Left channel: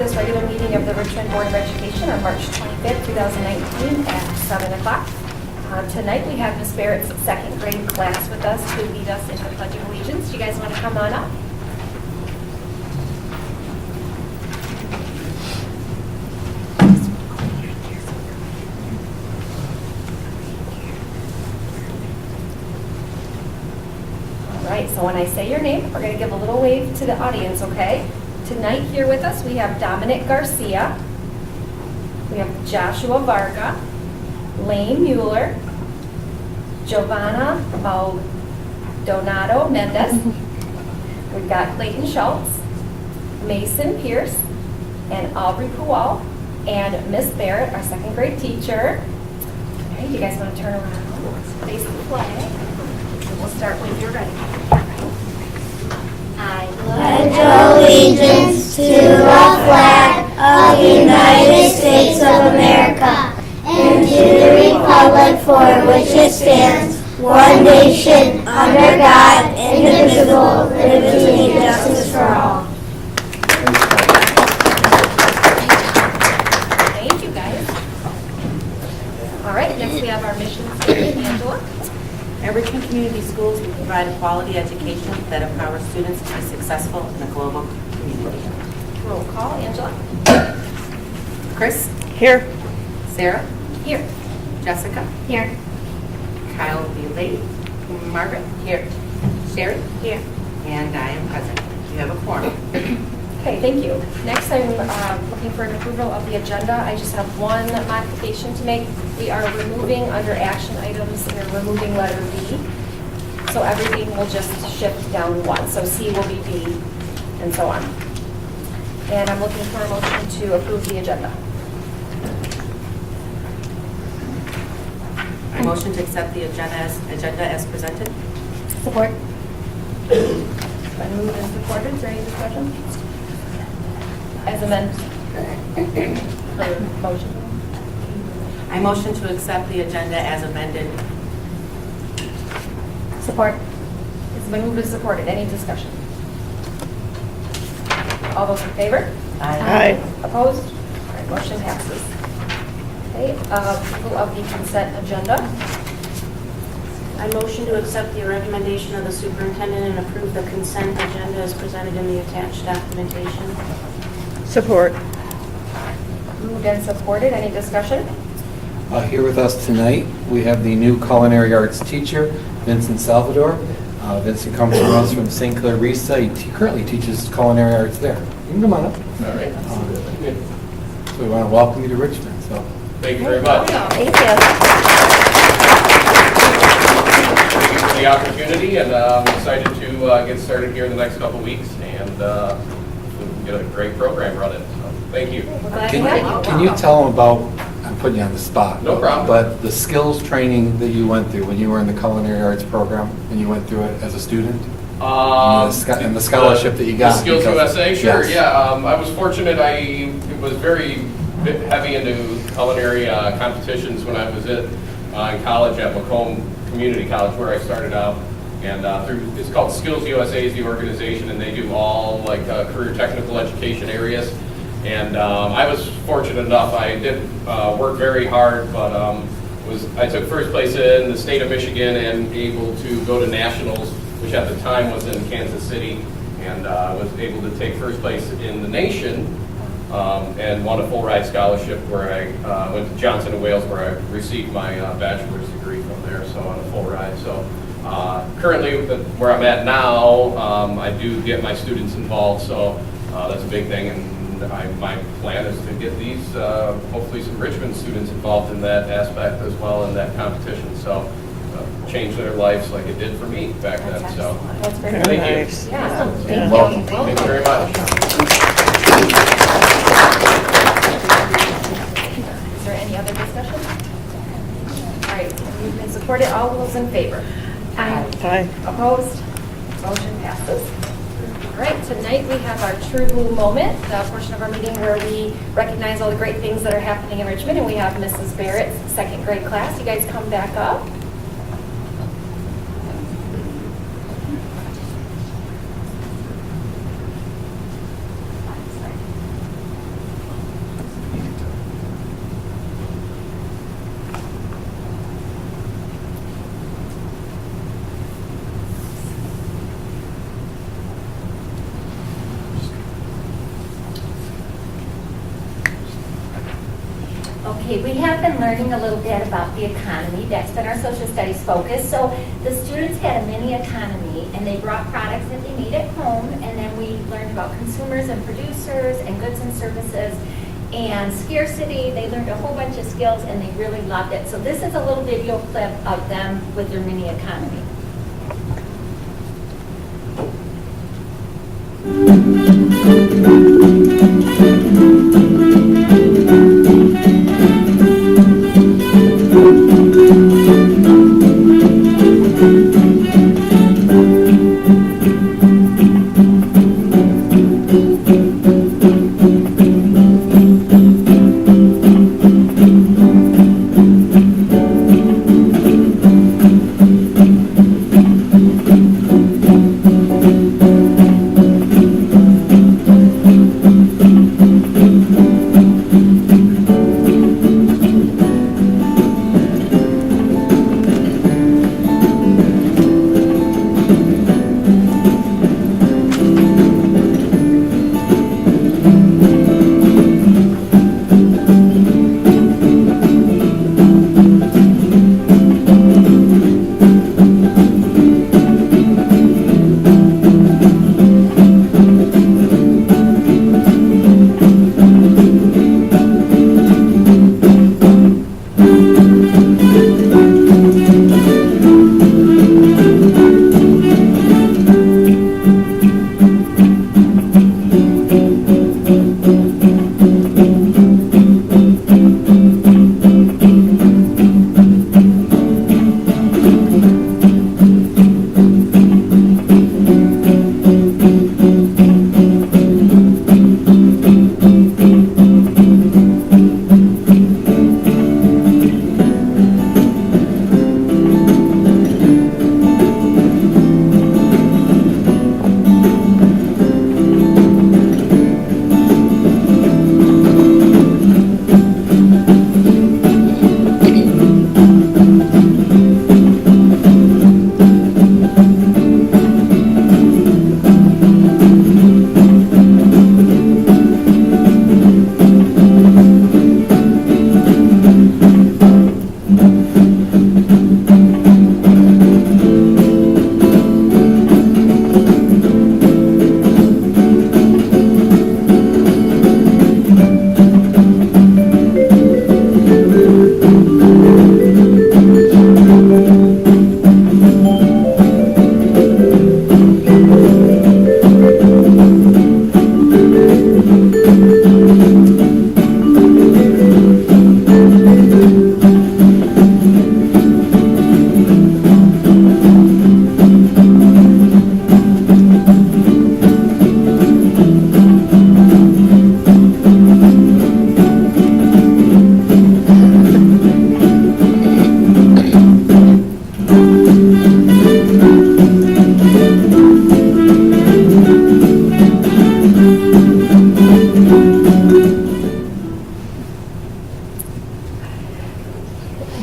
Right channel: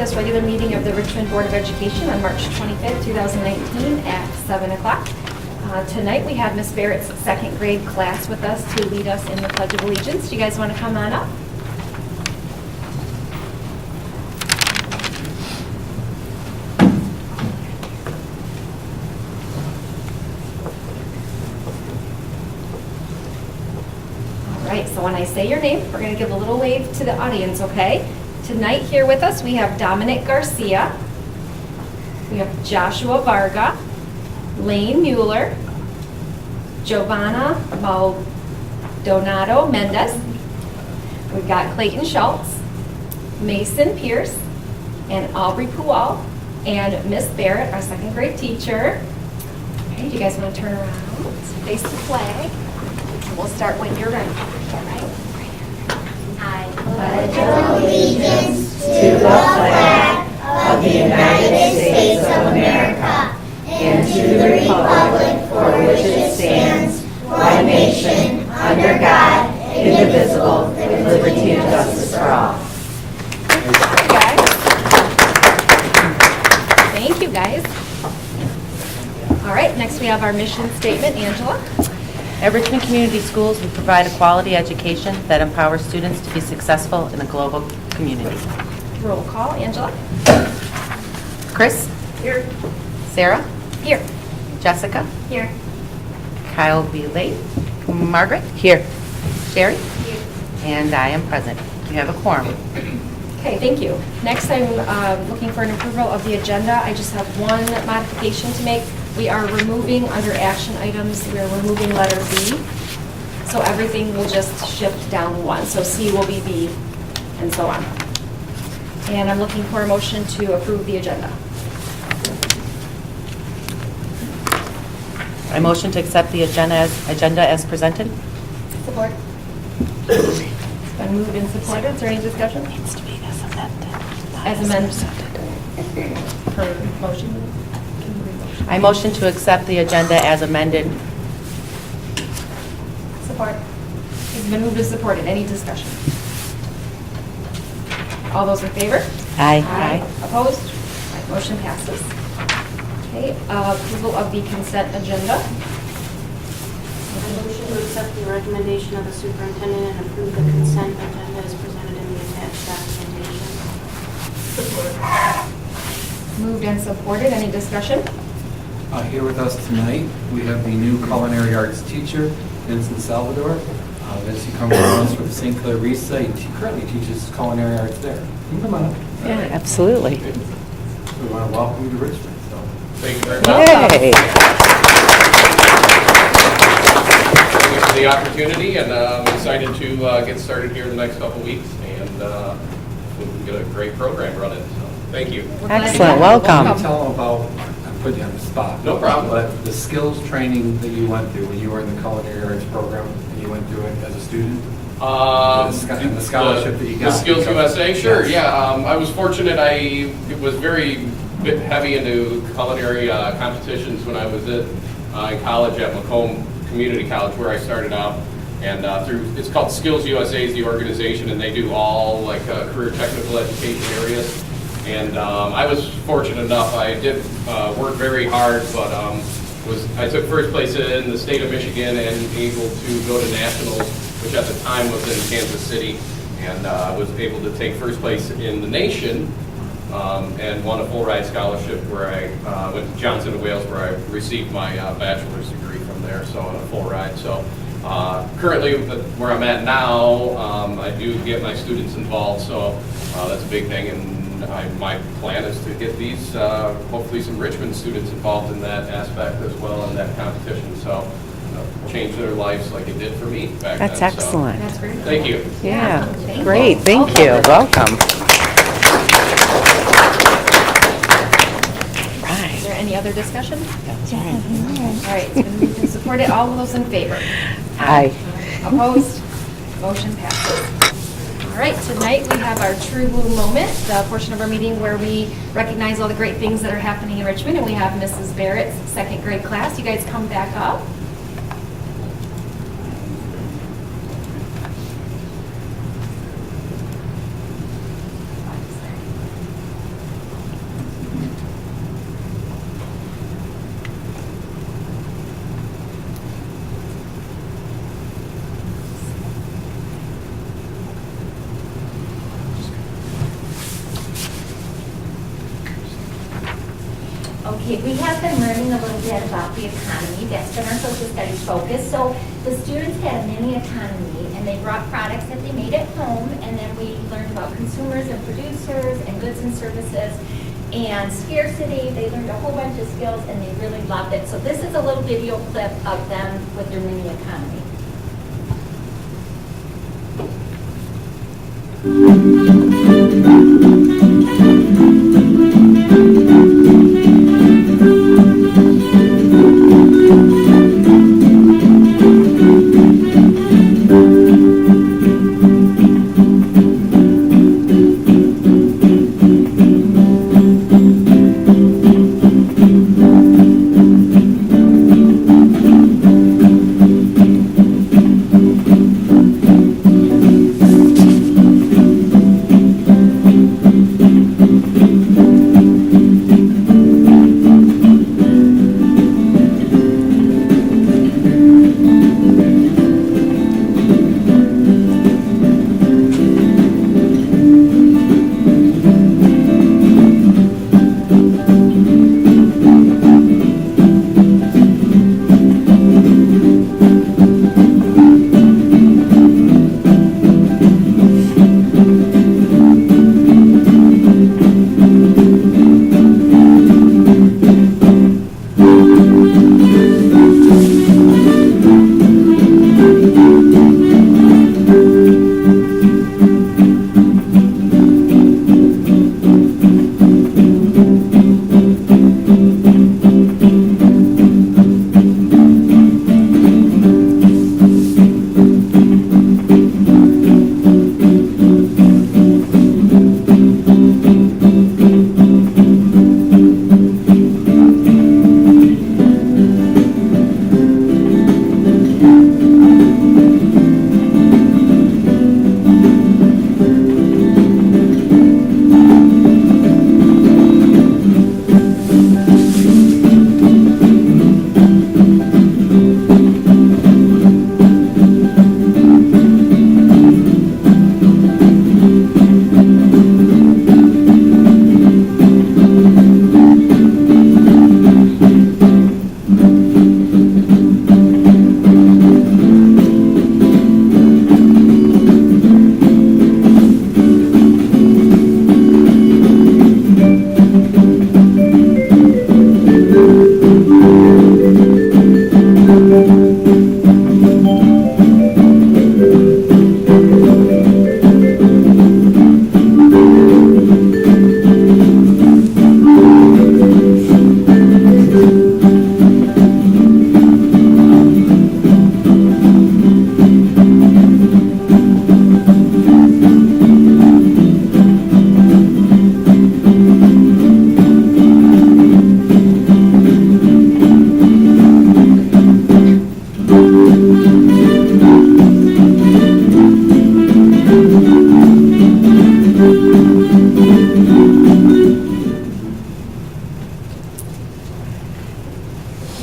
this regular meeting of the Richmond Board of Education on March 25th, 2019 at 7 o'clock. Tonight we have Ms. Barrett's second grade class with us to lead us in the Pledge of Allegiance. Do you guys want to come on up? All right, so when I say your name, we're going to give a little wave to the audience, okay? Tonight here with us we have Dominic Garcia, we have Joshua Varga, Lane Mueller, Giovanna Maldonado Mendez, we've got Clayton Schultz, Mason Pierce, and Aubrey Puwal, and Miss Barrett, our second grade teacher. Okay, do you guys want to turn around, face the flag? We'll start when you're ready. I pledge allegiance to the flag of the United States of America and to the republic for which it stands, one nation, under God, indivisible, with liberty and justice for all. Thank you, guys. All right, next we have our mission statement. Angela. At Richmond Community Schools, we provide a quality education that empowers students to be successful in a global community. Roll call. Angela. Chris? Here. Sarah? Here. Jessica? Here. Kyle will be late. Margaret? Here. Sherry? Here. And I am present. You have a quorum. Okay, thank you. Next, I'm looking for an approval of the agenda. I just have one modification to make. We are removing under action items, we are removing letter B. So everything will just shift down one. So C will be B and so on. And I'm looking for a motion to approve the agenda. I motion to accept the agenda as presented. Support. It's been moved and supported. Is there any discussion? Needs to be As amended. For motion. I motion to accept the agenda as amended. Support. It's been moved and supported. Any discussion? All those in favor? Aye. Opposed? All right, motion passes. Okay, approval of the consent agenda. I motion to accept the recommendation of the superintendent and approve the consent agenda as presented in the attached documentation. Support. Moved and supported. Any discussion? Here with us tonight, we have the new culinary arts teacher, Vincent Salvador. Vincent comes to us from St. Clarissa. He currently teaches culinary arts there. You can come on up. Absolutely. So we want to welcome you to Richmond. So Thank you very much. Hey. Thank you for the opportunity, and I'm excited to get started here in the next couple of weeks and get a great program running. So thank you. Excellent. can Welcome. you tell them about, I'm putting you on the spot. No problem. But the skills training that you went through when you were in the culinary arts program and you went through it as a student? And the scholarship that you got. The Skills USA, sure, Yes. yeah. I was fortunate. I was very heavy into culinary competitions when I was in college at Macomb Community College, where I started out. And it's called Skills USA is the organization, and they do all like career technical education areas. And I was fortunate enough. I did work very hard, but I took first place in the state of Michigan and able to go to nationals, which at the time was in Kansas City, and was able to take first place in the nation and won a full ride scholarship where I went to Johnson & Wales, where I received my bachelor's degree from there, so on a full ride. So currently where I'm at now, I do get my students involved, so that's a big thing. And my plan is to get these, hopefully some Richmond students involved in that aspect as well in that competition. So change their lives like it did for me back then. That's excellent. That's great. Thank you. Yeah. Thank you. Great. Thank you. Welcome. Is there any other discussion? All right, moved and supported. All of those in favor? Aye. Opposed? Motion passes. All right, tonight we have our True Blue Moment, the portion of our meeting where we recognize all the great things that are happening in Richmond, and we have Mrs. Barrett's second grade class. You guys come back up. Okay, we have been learning a little bit about the economy. That's been our social studies focus. So the students had a mini economy, and they brought products that they made at home, and then we learned about consumers and producers and goods and services and scarcity. They learned a whole bunch of skills, and they really loved it. So this is a little video clip of them with their mini economy.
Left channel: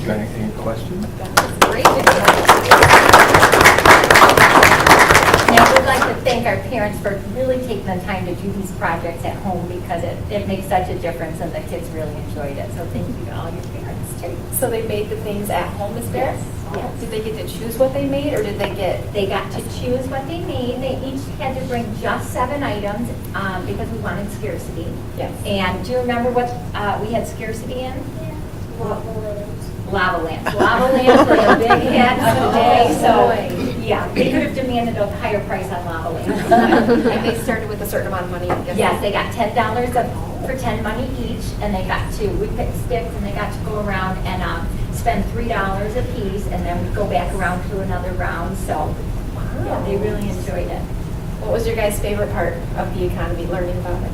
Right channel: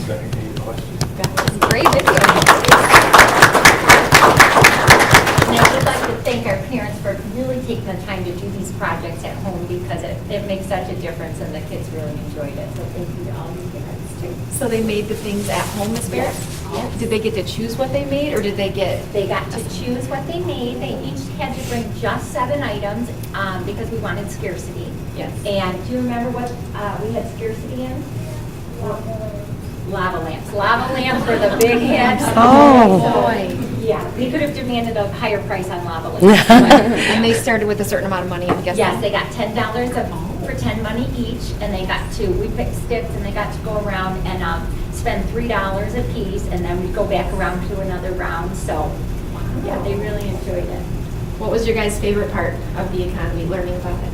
Any questions? Great video. And I would like to thank our parents for really taking the time to do these projects at home because it makes such a difference and the kids really enjoyed it. So thank you to all your parents too. So they made the things at home, Ms. Barrett? Yes. Did they get to choose what they made, or did they get? They got to choose what they made. They each had to bring just 7 items because we wanted scarcity. Yes. And do you remember what we had scarcity in? Lava lamps. Lava lamps were the big hits. Oh. So, yeah, they could have demanded a higher price on lava lamps. And they started with a certain amount of money, I'm guessing? Yes, they got $10 for 10 money each, and they got to, we picked sticks, and they got to go around and spend $3 a piece, and then we'd go back around to another round. So, yeah, they really enjoyed it. What was your guys' favorite part of the economy, learning about it?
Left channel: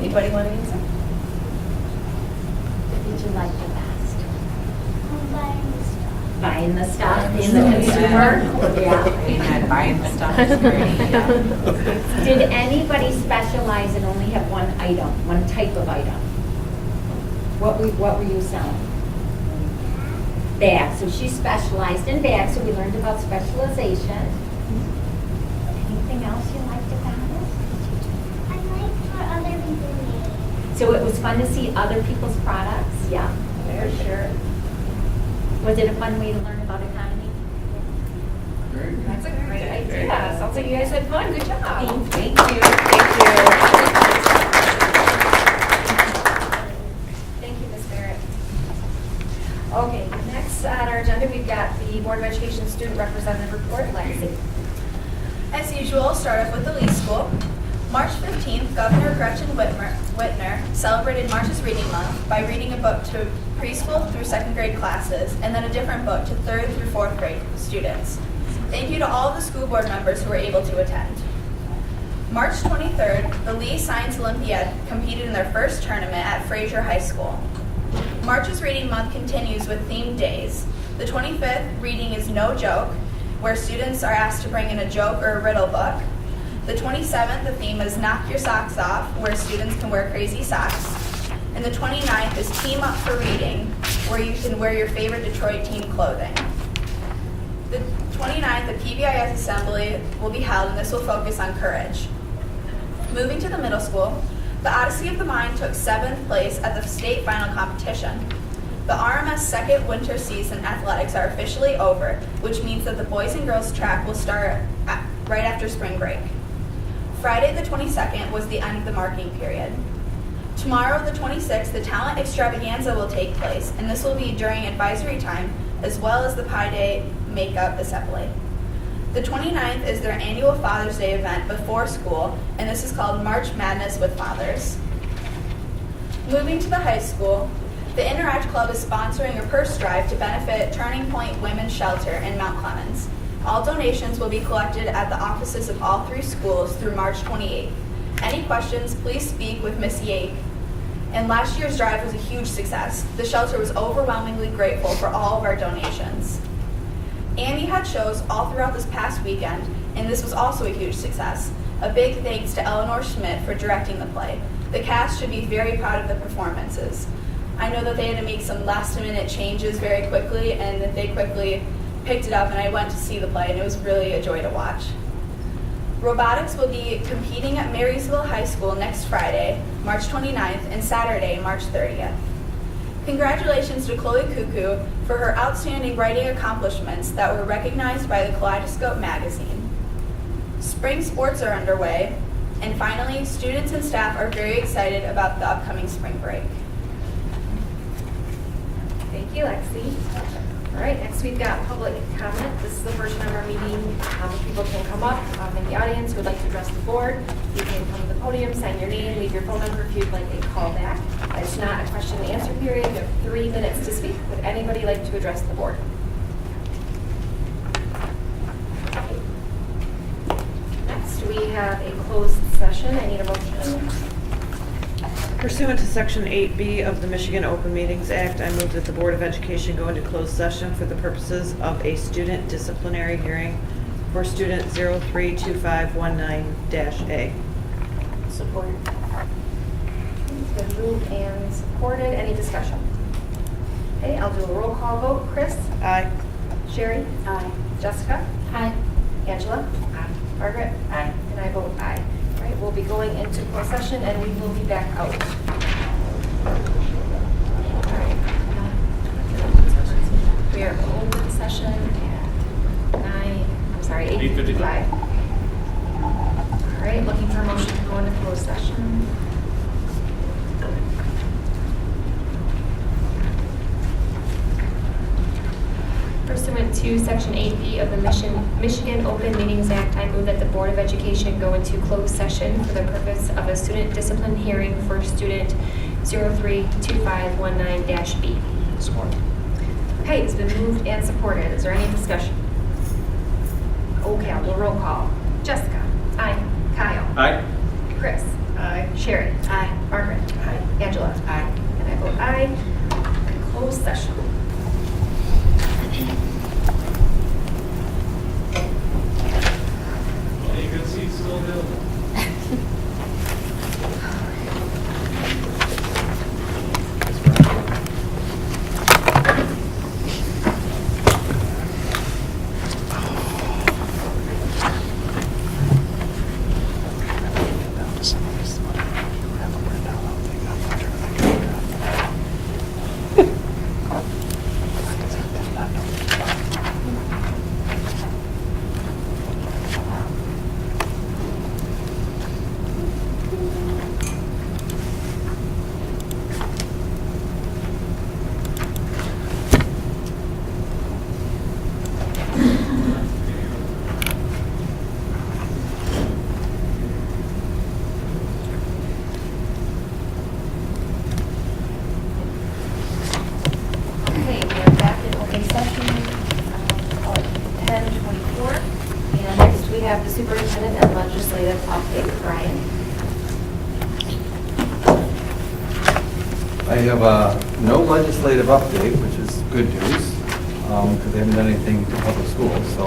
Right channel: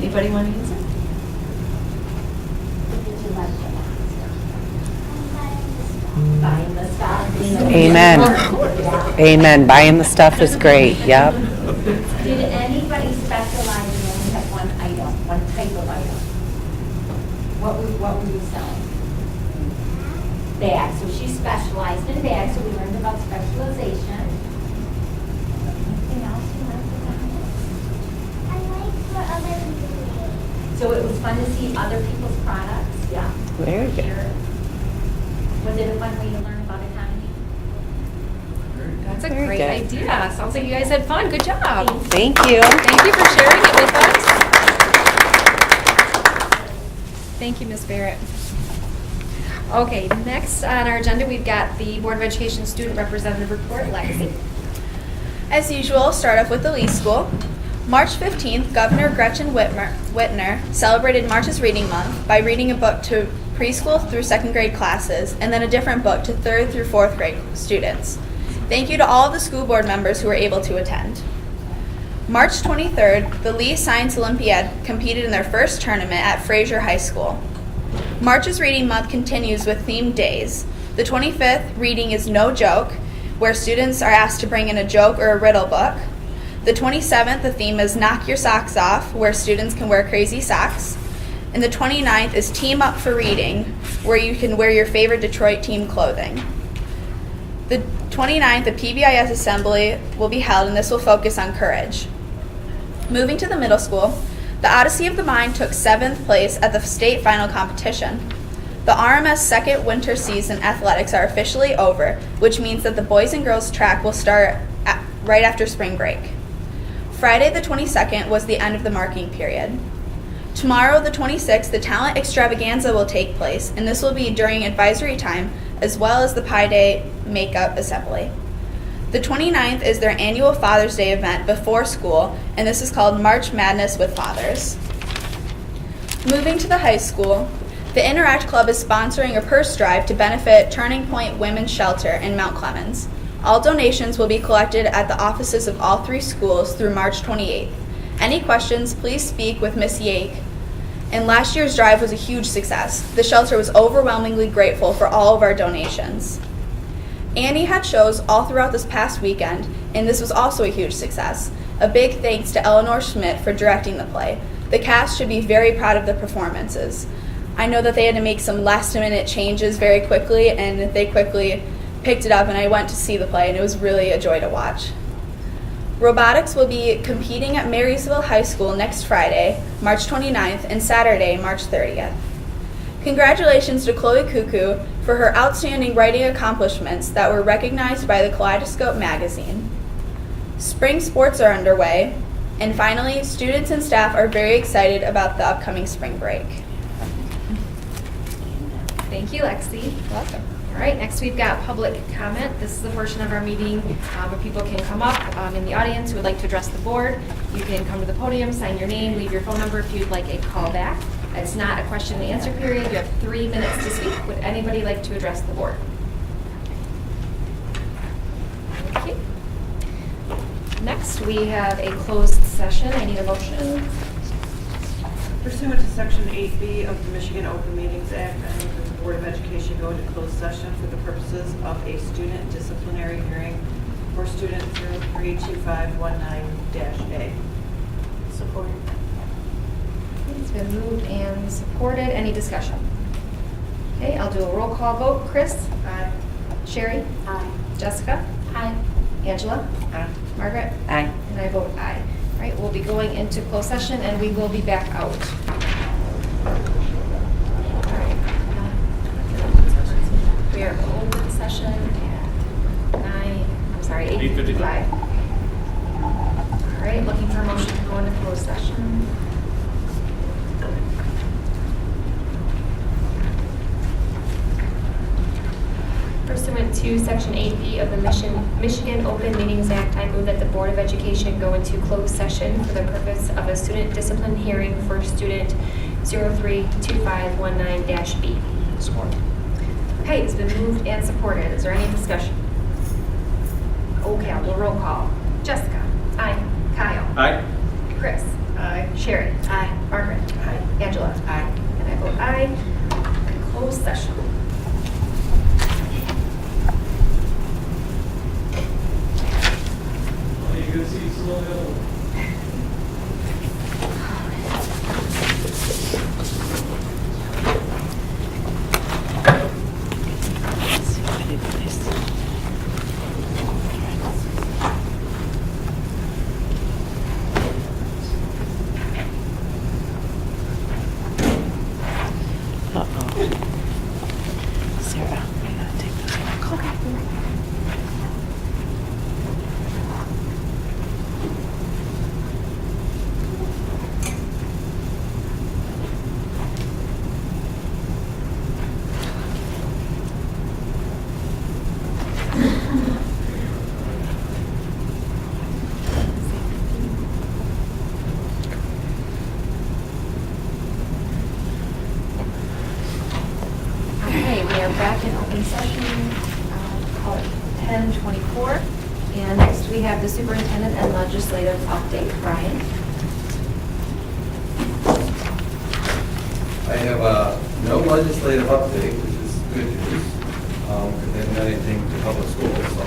Anybody want to use it? What did you like the best? Buying the stuff in the Amen. consumer. Yeah. Amen. Buying the stuff is great. Yep. Did anybody specialize and only have one item, one type of item? What were you selling? Bags. So she specialized in bags, so we learned about specialization. Anything else you liked about it? I like what other people made. So it was fun to see other people's products, yeah, Very for good. sure. Was it a fun way to learn about economy? That's a Very great good. idea. Sounds like you guys had fun. Good job. Thank you. Thank you for sharing it with us. Thank you, Ms. Barrett. Okay, next on our agenda, we've got the Board of Education Student Representative Report. Lexi. As usual, start off with the Lee School. March 15th, Governor Gretchen Whitmer celebrated March's Reading Month by reading a book to preschool through second grade classes and then a different book to third through fourth grade students. Thank you to all of the school board members who were able to attend. March 23rd, the Lee Science Olympiad competed in their first tournament at Fraser High School. March's Reading Month continues with themed days. The 25th, Reading is No Joke, where students are asked to bring in a joke or a riddle book. The 27th, the theme is Knock Your Socks Off, where students can wear crazy socks. And the 29th is Team Up for Reading, where you can wear your favorite Detroit team clothing. The 29th, the PBIS Assembly will be held, and this will focus on courage. Moving to the middle school, the Odyssey of the Mind took 7th place at the state final competition. The RMS second winter season athletics are officially over, which means that the boys and girls track will start right after spring break. Friday the 22nd was the end of the marking period. Tomorrow the 26th, the talent extravaganza will take place, and this will be during advisory time as well as the Pi Day makeup assembly. The 29th is their annual Father's Day event before school, and this is called March Madness with Fathers. Moving to the high school, the Interact Club is sponsoring a purse drive to benefit Turning Point Women's Shelter in Mount Clemens. All donations will be collected at the offices of all 3 schools through March 28th. Any questions, please speak with Ms. Yake. And last year's drive was a huge success. The shelter was overwhelmingly grateful for all of our donations. Annie had shows all throughout this past weekend, and this was also a huge success. A big thanks to Eleanor Schmidt for directing the play. The cast should be very proud of the performances. I know that they had to make some last-minute changes very quickly, and they quickly picked it up, and I went to see the play, and it was really a joy to watch. Robotics will be competing at Marysville High School next Friday, March 29th, and Saturday, March 30th. Congratulations to Chloe Cuckoo for her outstanding writing accomplishments that were recognized by the Kaleidoscope magazine. Spring sports are underway, and finally, students and staff are very excited about the upcoming spring break. Thank you, Lexi. All right, next we've got public comment. This is the portion of our meeting where people can come up in the audience who would like to address the board. You can come to the podium, sign your name, leave your phone number if you'd like a call back. It's not a question and answer period. You have 3 minutes to speak. Would anybody like to address the board? Okay. Next, we have a closed session. I need a motion. Pursuant to Section 8B of the Michigan Open Meetings Act, I move that the Board of Education go into closed session for the purposes of a student disciplinary hearing for student 032519-A. Support. It's been moved and supported. Any discussion? Okay, I'll do a roll call vote. Chris? Aye. Sherry? Aye. Jessica? Aye. Angela? Aye. Margaret? Aye. And I vote aye. All right, we'll be going into closed session and we will be back out. All right. We are open session at 8:55. All right, looking for a motion to go into closed session. Pursuant to Section 8B of the Michigan Open Meetings Act, I move that the Board of Education go into closed session for the purpose of a student discipline hearing for student 032519-B. Support. Okay, it's been moved and supported. Is there any discussion? Okay, I'll do a roll call. Jessica? Aye. Kyle? Aye. Chris? Aye. Sherry? Aye. Margaret? Aye. Angela? Aye. And I vote aye. Closed session. You can see Sylvia. have the superintendent and legislative update. Brian? I have no legislative update, which is good news, because they haven't done anything for public schools, so.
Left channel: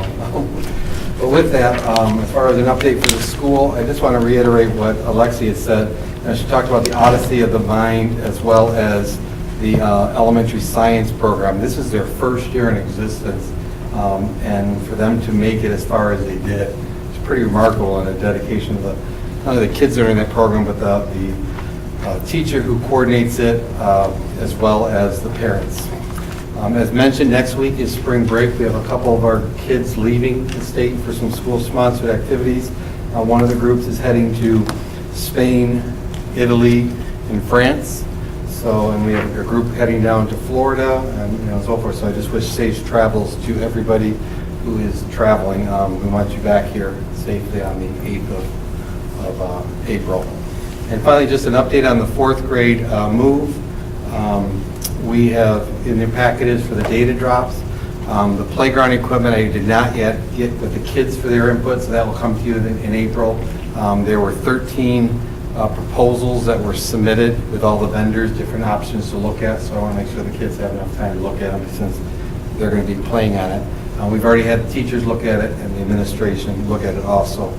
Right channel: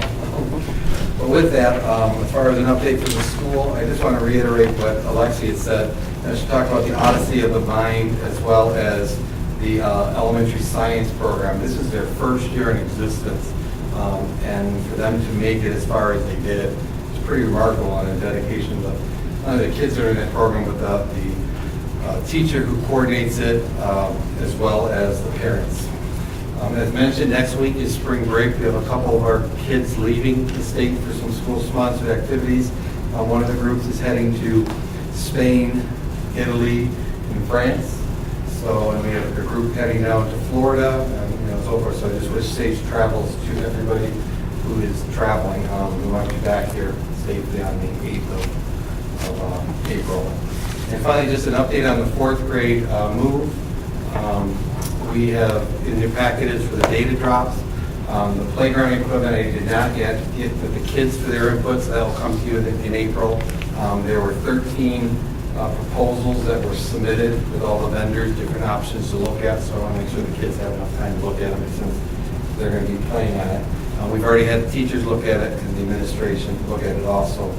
But with that, as far as an update for the school, I just want to reiterate what Alexia said. She talked about the Odyssey of the Mind as well as the elementary science program. This is their first year in existence, and for them to make it as far as they did, it's pretty remarkable, and a dedication of not only the kids that are in that program, but the teacher who coordinates it, as well as the parents. As mentioned, next week is spring break. We have a couple of our kids leaving the state for some school-sponsored activities. One of the groups is heading to Spain, Italy, and France. So, and we have a group heading down to Florida, and so forth. So I just wish safe travels to everybody who is traveling. We might be back here safely on the 8th of April. And finally, just an update on the 4th grade move. We have in your packages for the data drops. The playground equipment I did not yet get with the kids for their input, so that will come to you in April. There were 13 proposals that were submitted with all the vendors, different options to look at, so I want to make sure the kids have enough time to look at them since they're going to be playing on it. We've already had the teachers look at it and the administration look at it also.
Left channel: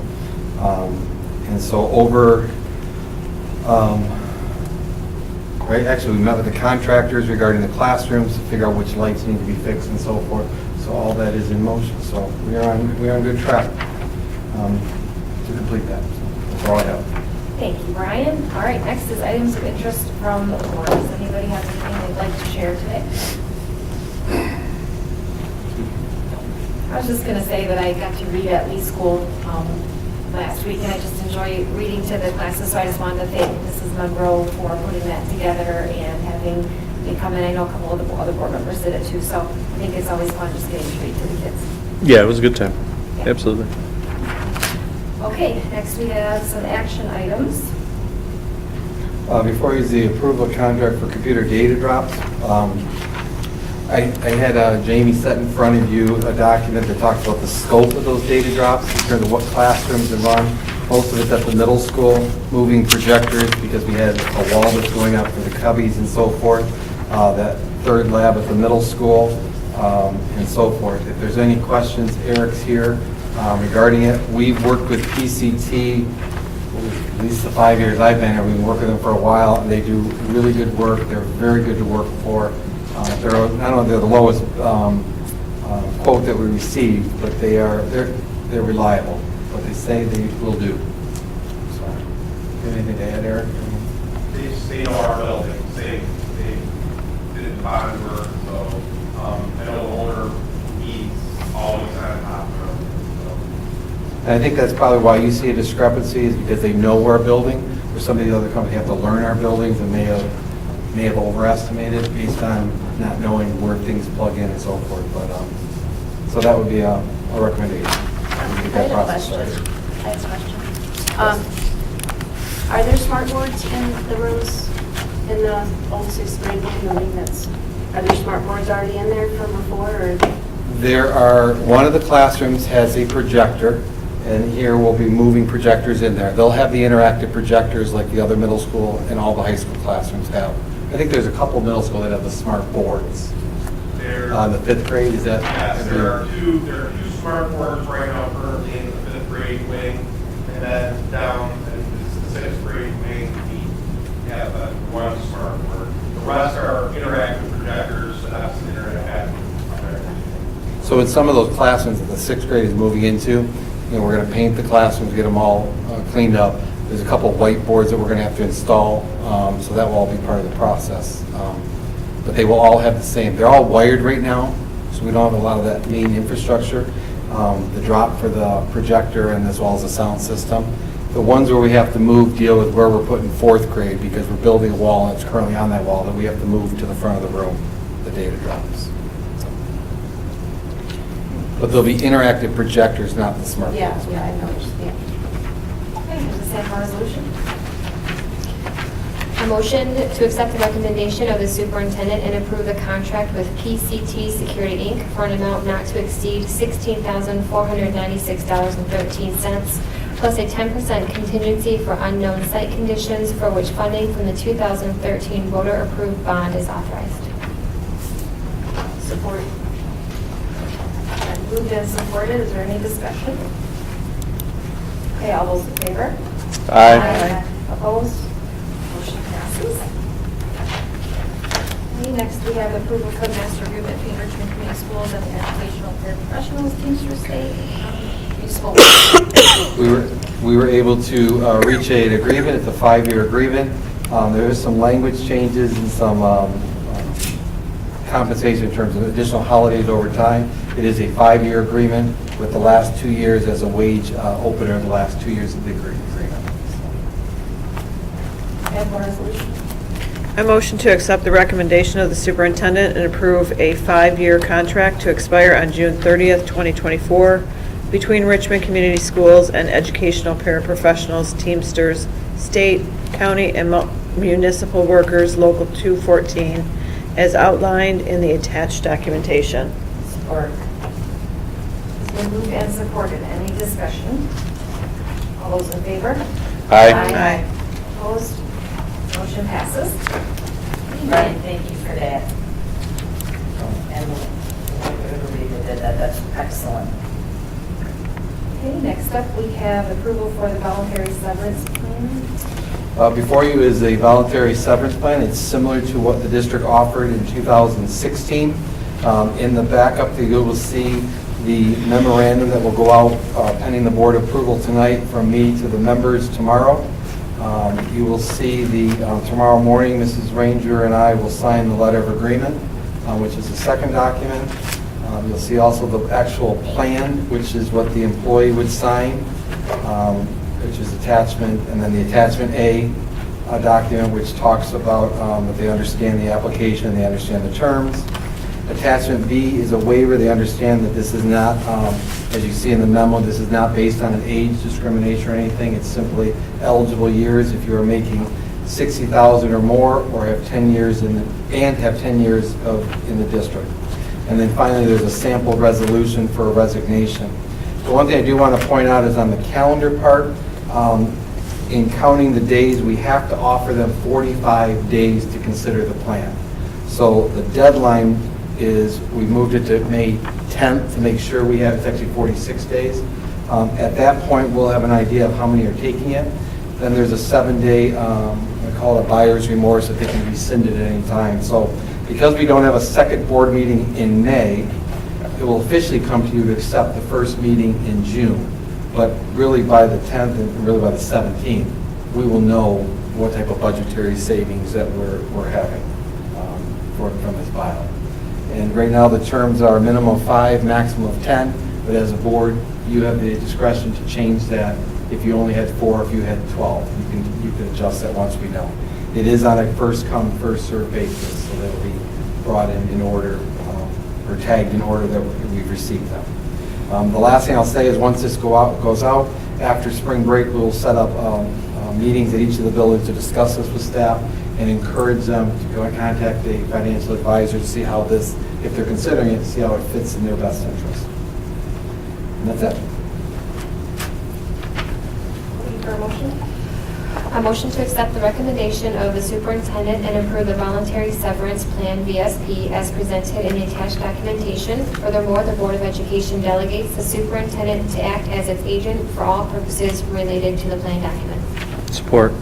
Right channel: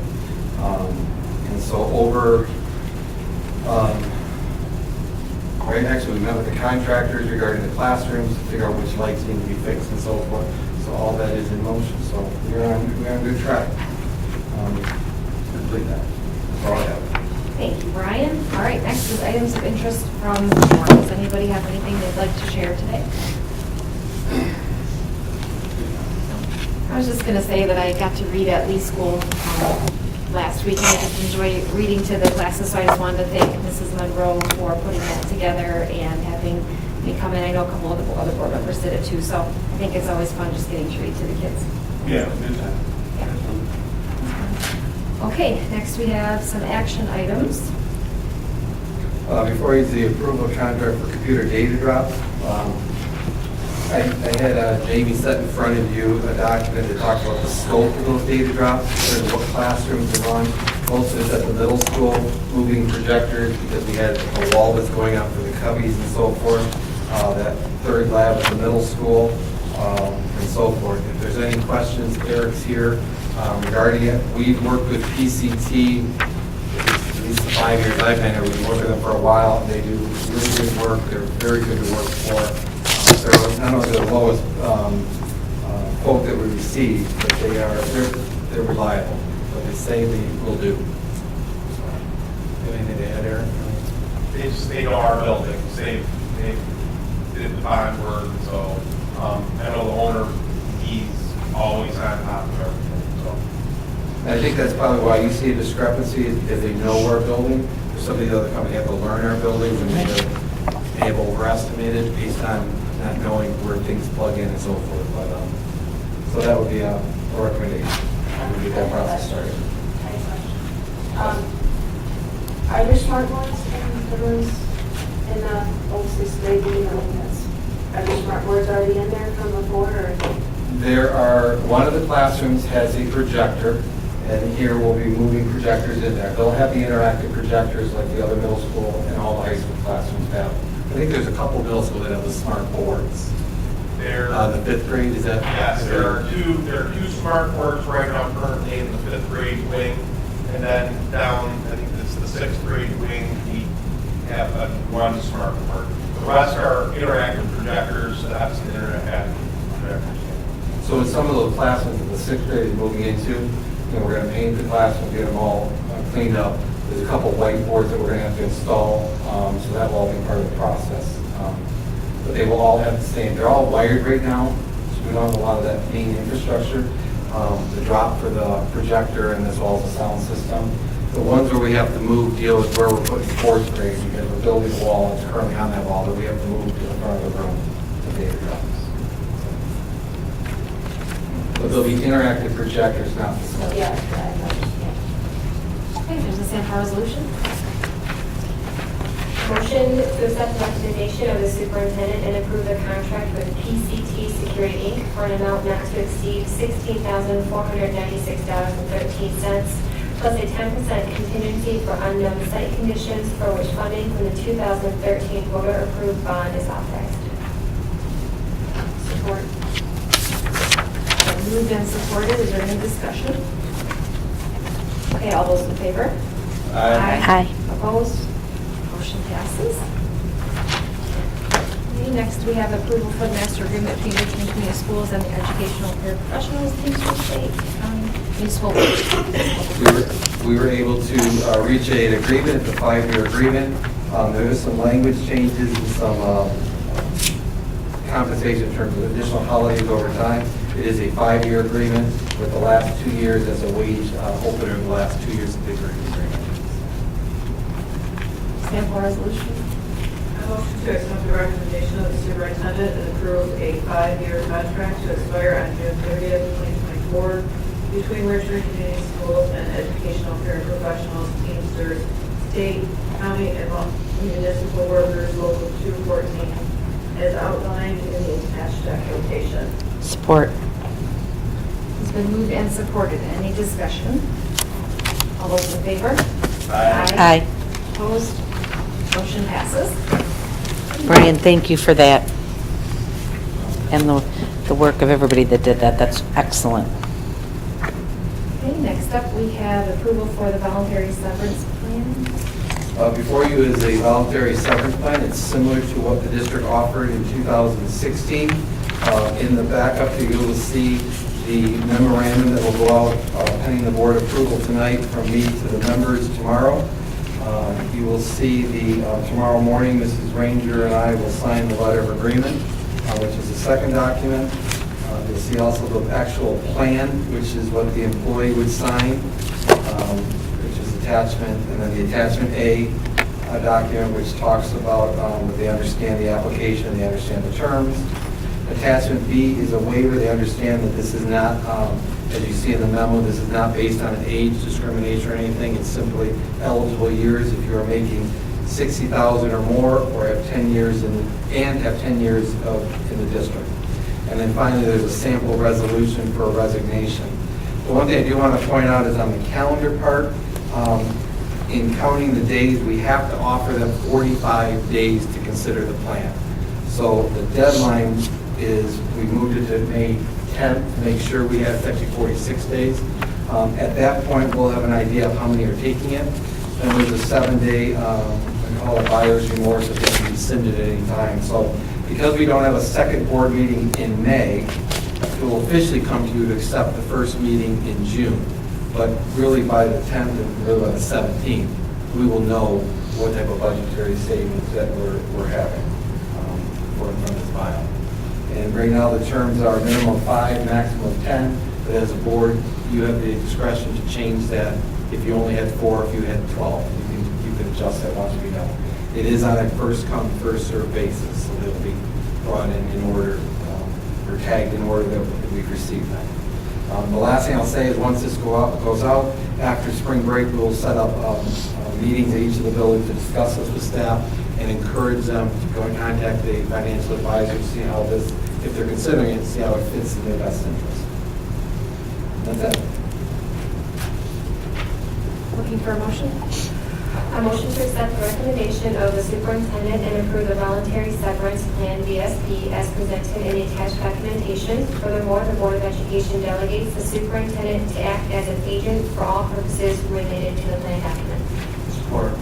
And so over right, actually, we met with the contractors regarding the classrooms to figure out which lights need to be fixed and so forth. So all that is in motion. So we are on good track to complete that. That's all I have. Thank you, Brian. All right, next is items of interest from the board. Does anybody have anything they'd like to share today? I was just going to say that I got to read at Lee School last week, and I just enjoy reading to the classes, so I just wanted to thank Mrs. Monroe for putting that together and having me come in. I know a couple of the other board members did it too, so I think it's always fun just getting to read to the kids. Yeah, it was a good time. Yeah. Absolutely. Okay, next we have some action items. Before I use the approval of contract for computer data drops, I had Jamie set in front of you a document that talks about the scope of those data drops in terms of what classrooms to run. Most of it's at the middle school, moving projectors because we had a wall that's going up for the cubbies and so forth. That third lab at the middle school and so forth. If there's any questions, Eric's here regarding it. We've worked with PCT, at least the 5 years I've been here, we've been working with them for a while, and they do really good work. They're very good to work for. They're not only the lowest quote that we received, but they're reliable. What they say they will do. So, anything to add, Eric? They know our buildings. They did the bond work, so I know the owner, he's always on top of everything. So. And I think that's probably why you see a discrepancy, is because they know our building. There's some of the other companies have to learn our buildings and may have overestimated based on not knowing where things plug in and so forth. But so that would be a recommendation. Get that process started. I have a question. Are there smart boards in the rooms in the old 6th grade building? Are there smart boards already in there from before? Or? One of the classrooms has a projector, and here we'll be moving projectors in there. They'll have the interactive projectors like the other middle school and all the high school classrooms have. I think there's a couple middle school that have the smart boards. The 5th grade, is that? Yes, there are two smart boards right now currently in the 5th grade wing, and then down, I think this is the 6th grade wing, we have one smart board. The rest are interactive projectors, that's an interactive projectors. So in some of those classrooms that the 6th grade is moving into, we're going to paint the classrooms, get them all cleaned up. There's a couple of whiteboards that we're going to have to install, so that will all be part of the process. But they will all have the same. They're all wired right now, so we don't have a lot of that main infrastructure. The drop for the projector and as well as the sound system. The ones where we have to move deal with where we're putting 4th grade because we're building a wall and it's currently on that wall that we have to move to the front of the room, the data drops. But there'll be interactive projectors, not the smart. Yeah, I noticed, yeah. Okay, does this have a resolution? Motion to accept the recommendation of the superintendent and approve the contract with PCT Security Inc. for an amount not to exceed $16,496.13, plus a 10% contingency for unknown site conditions for which funding from the 2013 voter-approved bond is authorized. Support. Moved and supported. Is there any discussion? Okay, all those in favor? Aye. Opposed? Motion passes. Okay, next we have approval for the master agreement between Richmond Community Schools and the educational professionals, Teamsters State, municipal. We were able to reach an agreement. It's a 5-year agreement. There is some language changes and some compensation in terms of additional holidays over time. It is a 5-year agreement with the last 2 years as a wage opener in the last 2 years of the agreement. Have one resolution. I motion to accept the recommendation of the superintendent and approve a 5-year contract to expire on June 30th, 2024 between Richmond Community Schools and educational paraprofessionals, Teamsters, state, county, and municipal workers, Local 214, as outlined in the attached documentation. Support. It's been moved and supported. Any discussion? All those in favor? Aye. Opposed? Motion passes. Brian, thank you for that. And the work of everybody that did that. That's excellent. Okay, next up, we have approval for the voluntary severance plan. Before you is a voluntary severance plan. It's similar to what the district offered in 2016. In the backup, you will see the memorandum that will go out pending the board approval tonight from me to the members tomorrow. You will see tomorrow morning, Mrs. Ranger and I will sign the letter of agreement, which is the second document. You'll see also the actual plan, which is what the employee would sign, which is attachment, and then the attachment A document, which talks about that they understand the application, they understand the terms. Attachment B is a waiver. They understand that this is not, as you see in the memo, this is not based on an age discrimination or anything. It's simply eligible years if you are making $60,000 or more, or have 10 years in the district. And then finally, there's a sample resolution for a resignation. The one thing I do want to point out is on the calendar part, in counting the days, we have to offer them 45 days to consider the plan. So the deadline is, we moved it to May 10th to make sure we have effective 46 days. At that point, we'll have an idea of how many are taking it. Then there's a 7-day, I call it buyer's remorse, if it can be rescinded at any time. So because we don't have a second board meeting in May, it will officially come to you to accept the first meeting in June. But really by the 10th and really by the 17th, we will know what type of budgetary savings that we're having from this buyout. And right now, the terms are a minimum of 5, maximum of 10, but as a board, you have the discretion to change that if you only had 4, if you had 12. You can adjust that once we know. It is on a first come, first served basis, so they'll be brought in order, or tagged in order that we've received them. The last thing I'll say is once this goes out, after spring break, we'll set up meetings at each of the buildings to discuss this with staff and encourage them to go and contact the financial advisor to see how this, if they're considering it, see how it fits in their best interest. And that's it. Looking for a motion? A motion to accept the recommendation of the superintendent and approve the voluntary severance plan, VSP, as presented in the attached documentation. Furthermore, the Board of Education delegates the superintendent to act as its agent for all purposes related to the plan document. Support.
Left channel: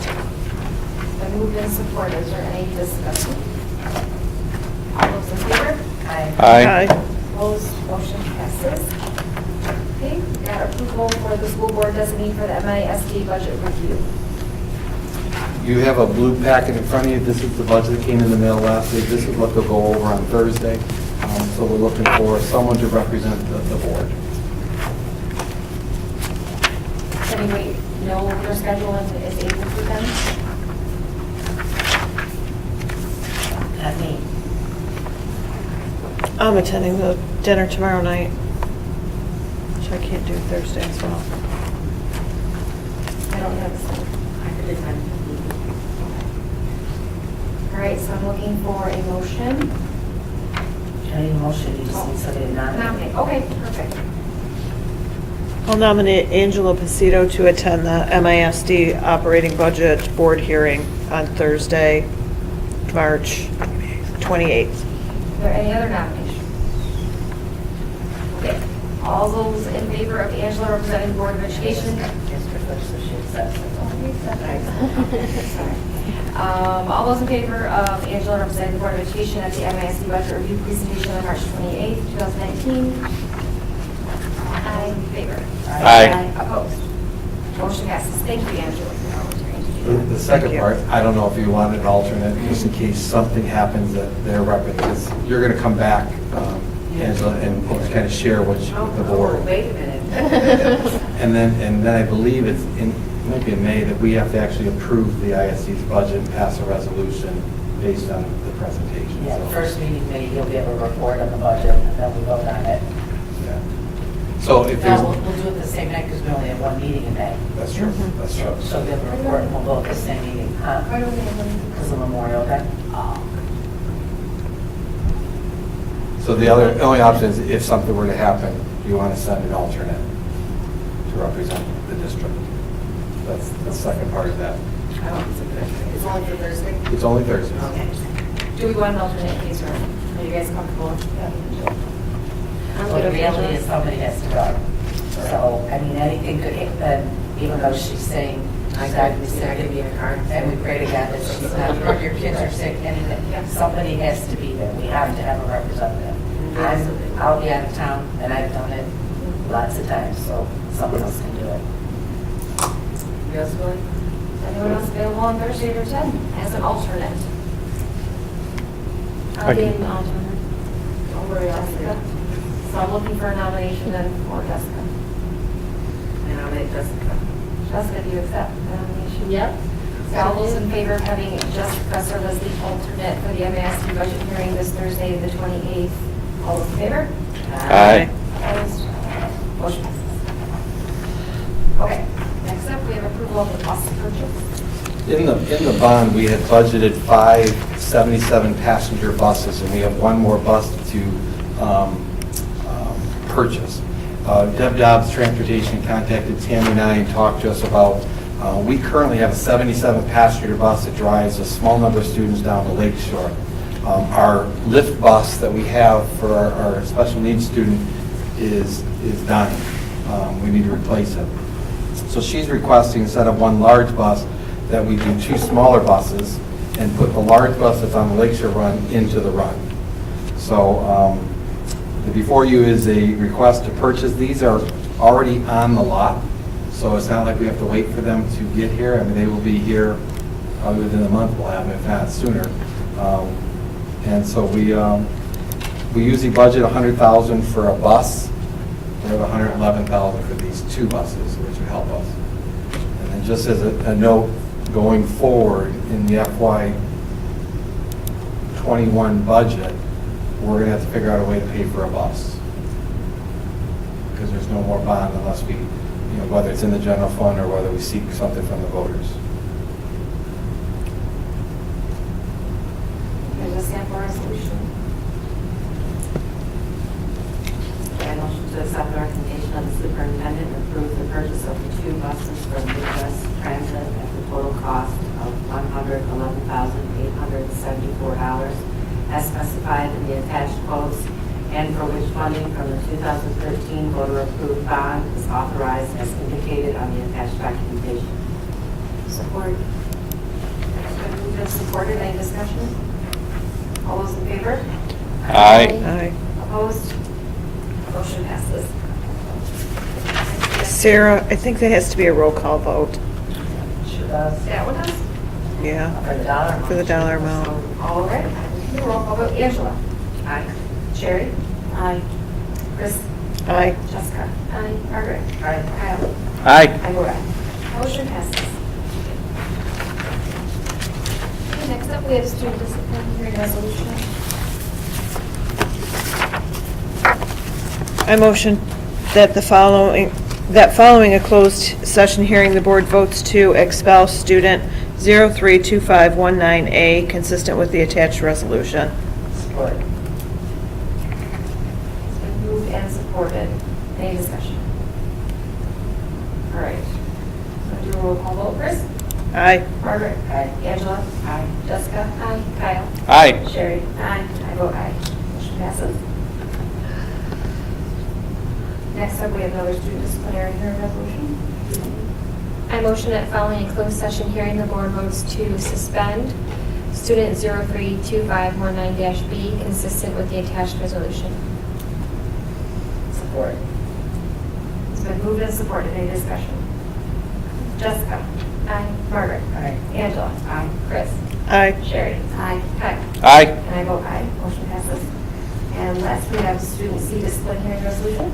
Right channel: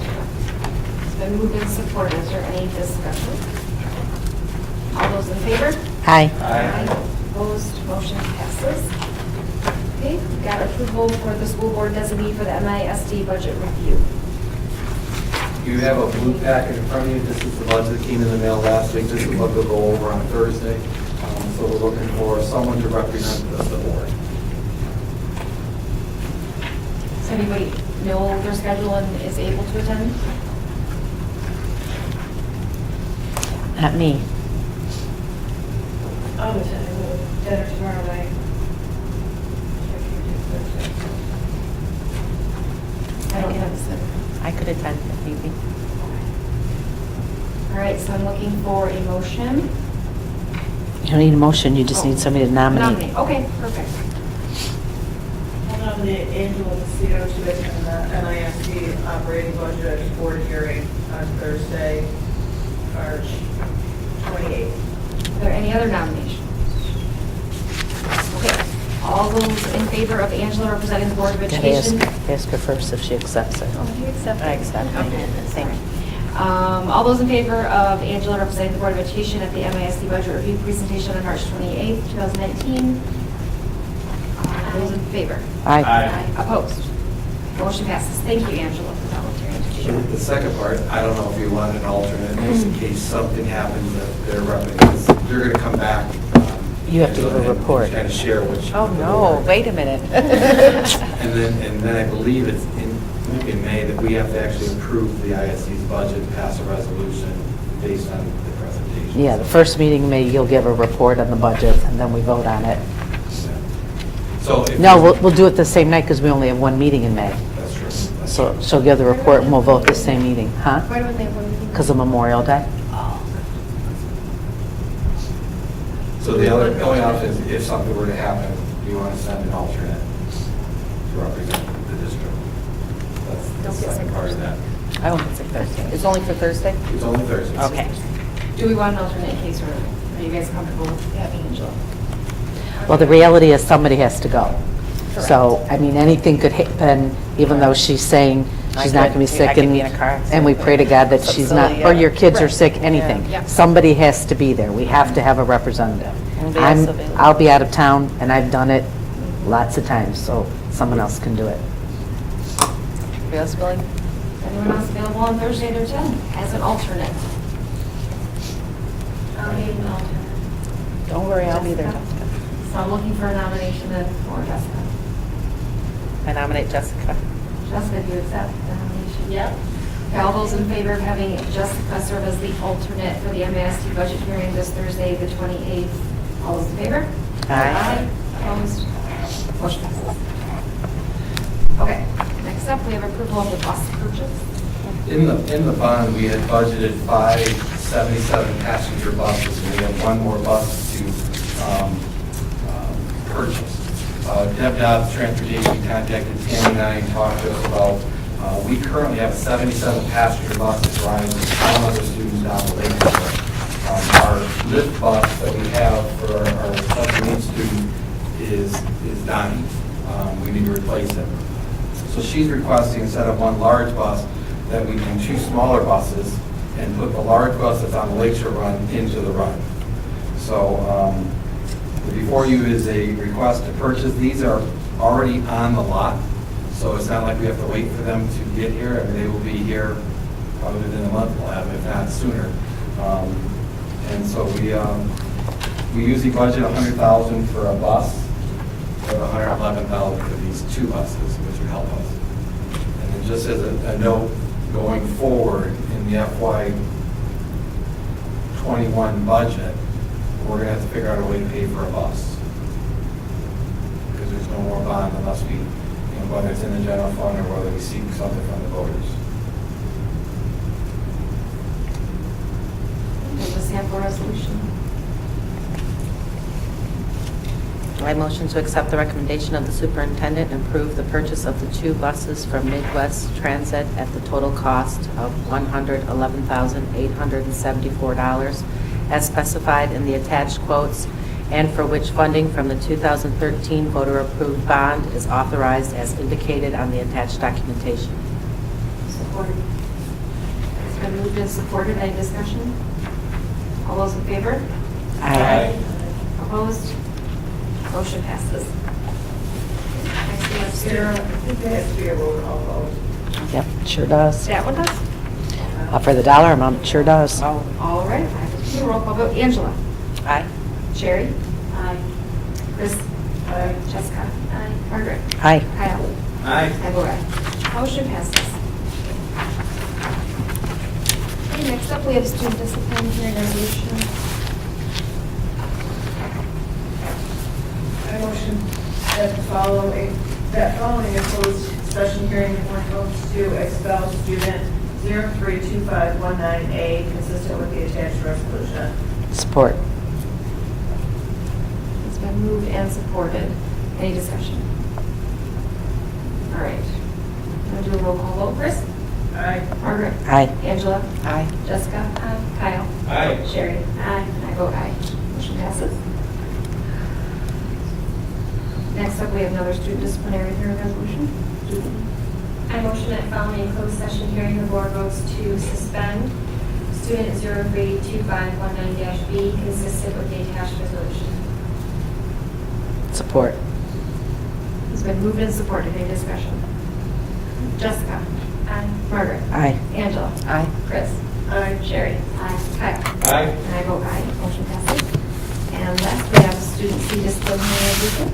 It's been moved and supported. Is there any discussion? All those in favor? Aye. Opposed? Motion passes. Okay, we got approval for the school board designee for the MISD budget review. You have a blue packet in front of you. This is the budget that came in the mail last week. This is what they'll go over on Thursday. So we're looking for someone to represent the board. Does anybody know their schedule and is able to attend? Not me. I'm attending the dinner tomorrow night, which I can't do Thursday as well. I don't have a schedule. I could attend if you think. All right, so I'm looking for a motion. You don't need a motion, you just need somebody to nominate. Okay, perfect. I'll nominate Angela Pacito to attend the MISD operating budget board hearing on Thursday, March 28th. Are there any other nominations? Okay, all those in favor of Angela representing the Board of Education? Ask her first if she accepts it. Oh, you accept. I accept. Okay, sorry. All those in favor of Angela representing the Board of Education at the MISD budget review presentation on March 28th, 2019? All those in favor? Aye. Opposed? Motion passes. Thank you, Angela, for volunteering to do that. The second part, I don't know if you want an alternate, just in case something happens that they're representing. You're going to come back. You have to Angela, and report. kind of share what you. Oh, no, wait a minute. And then I believe it's maybe in May that we have to actually approve the ISD's budget and pass a resolution based on the presentation. Yeah, the first meeting in May, you'll give a report on the budget, and then we vote on it. Yeah. So if No, there's- we'll do it the same night, because we only have one meeting in May. That's true. That's So true. she'll give the report, and we'll vote the same meeting, huh? Why don't they have Because of Memorial Day. So the only option is if something were to happen, you want to send an alternate to represent the district. That's the second part of that. I don't think Thursday. It's only for Thursday? It's only Thursdays. Okay. Do we want an alternate in case, or are you guys comfortable with having Angela? Well, the reality is somebody has to go. So, I mean, anything could happen, even though she's saying she's not going to be sick. I could be in a car accident. And we pray to God that she's not, or your kids are sick, anything. Yeah. Somebody has to be there. We have to have a representative. Anybody else available? I'll be out of town, and I've done it lots of times, so someone else can do it. You guys willing? Anyone else available on Thursday or 10 as an alternate? I'll be an alternate. Don't worry, I'll be there. Jessica? So I'm looking for a nomination then for Jessica. I nominate Jessica. Jessica, do you accept the nomination? Yep. All those in favor of having Jessica serve as the alternate for the MASD budget hearing this Thursday, the 28th? All those in favor? Aye. Opposed? Motion passes. Okay, next up, we have approval of the bus purchase. In the bond, we had budgeted 5 77-passenger buses, and we have one more bus to purchase. Deb Dobbs Transportation contacted Tammy and I and talked to us about, we currently have a 77-passenger bus that drives a small number of students down the lake shore. Our lift bus that we have for our special needs student is dying. We need to replace it. So she's requesting, instead of one large bus, that we do 2 smaller and put the large bus that's on the Lakeshore Run into the run. So before you is a request to purchase. These are already on the lot, so it's not like we have to wait for them to get here. I mean, they will be here probably within a month, we'll have them, if not sooner. And so we usually budget $100,000 for a bus. We have $111,000 for these 2 buses, which would help us. And then just as a note, going forward in the FY '21 budget, we're gonna have to figure out a way to pay for a bus. Because there's no more bond unless we, whether it's in the general fund or whether we seek something from the voters. There's a sample resolution. I motion to accept the recommendation of the superintendent and approve the purchase of the 2 buses from Midwest Transit at the total cost of $111,874 as specified in the attached quotes, and for which funding from the 2013 voter-approved bond is authorized as indicated on the attached documentation. Support. It's been moved and supported. Any discussion? All those in favor? Aye. Opposed? Motion passes. Next, we have- Sarah, I think there has to be a roll call vote. Yep, sure does. That one does? Yeah. For the dollar For amount, the it sure dollar does. amount. All right. Do roll call vote. Angela? Aye. Sherry? Aye. Chris? Aye. Jessica? Aye. Margaret? Aye. Kyle? Aye. I vote aye. Motion passes. Okay, next up, we have student discipline hearing resolution. I motion that following a closed session hearing, the board votes to expel student 032519A, consistent with the attached resolution. Support. It's been moved and supported. Any discussion? All right. I'm going to do a roll call vote. Chris? Aye. Margaret? Aye. Angela? Aye. Jessica? Aye. Kyle? Aye. Sherry? Aye. I vote aye. Motion passes. Next up, we have another student disciplinary hearing resolution. I motion that following closed session hearing, the board votes to suspend student 032519-B consistent with the attached resolution. Support. It's been moved and supported. Any discussion? Jessica? Aye. Margaret? Aye. Angela? Aye. Chris? Aye. Sherry? Aye. Kyle? Aye. And I vote aye. Motion passes. And last, we have student C disciplinary resolution.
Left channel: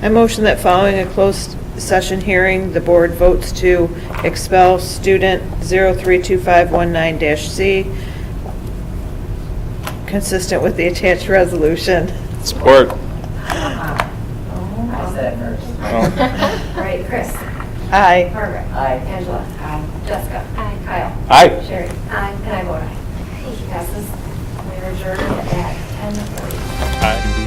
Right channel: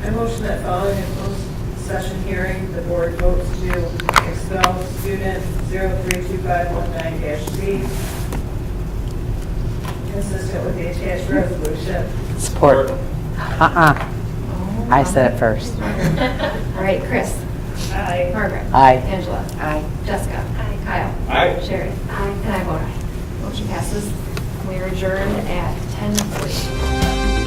I motion that following a closed session hearing, the board votes to expel student 032519-C, consistent with the attached resolution. Support. I said it first. All right, Chris? Aye. Margaret? Aye. Angela? Aye. Jessica? Aye. Kyle? Aye. Sherry? Aye. And I vote aye. Motion passes. We are adjourned at 10:40. Aye.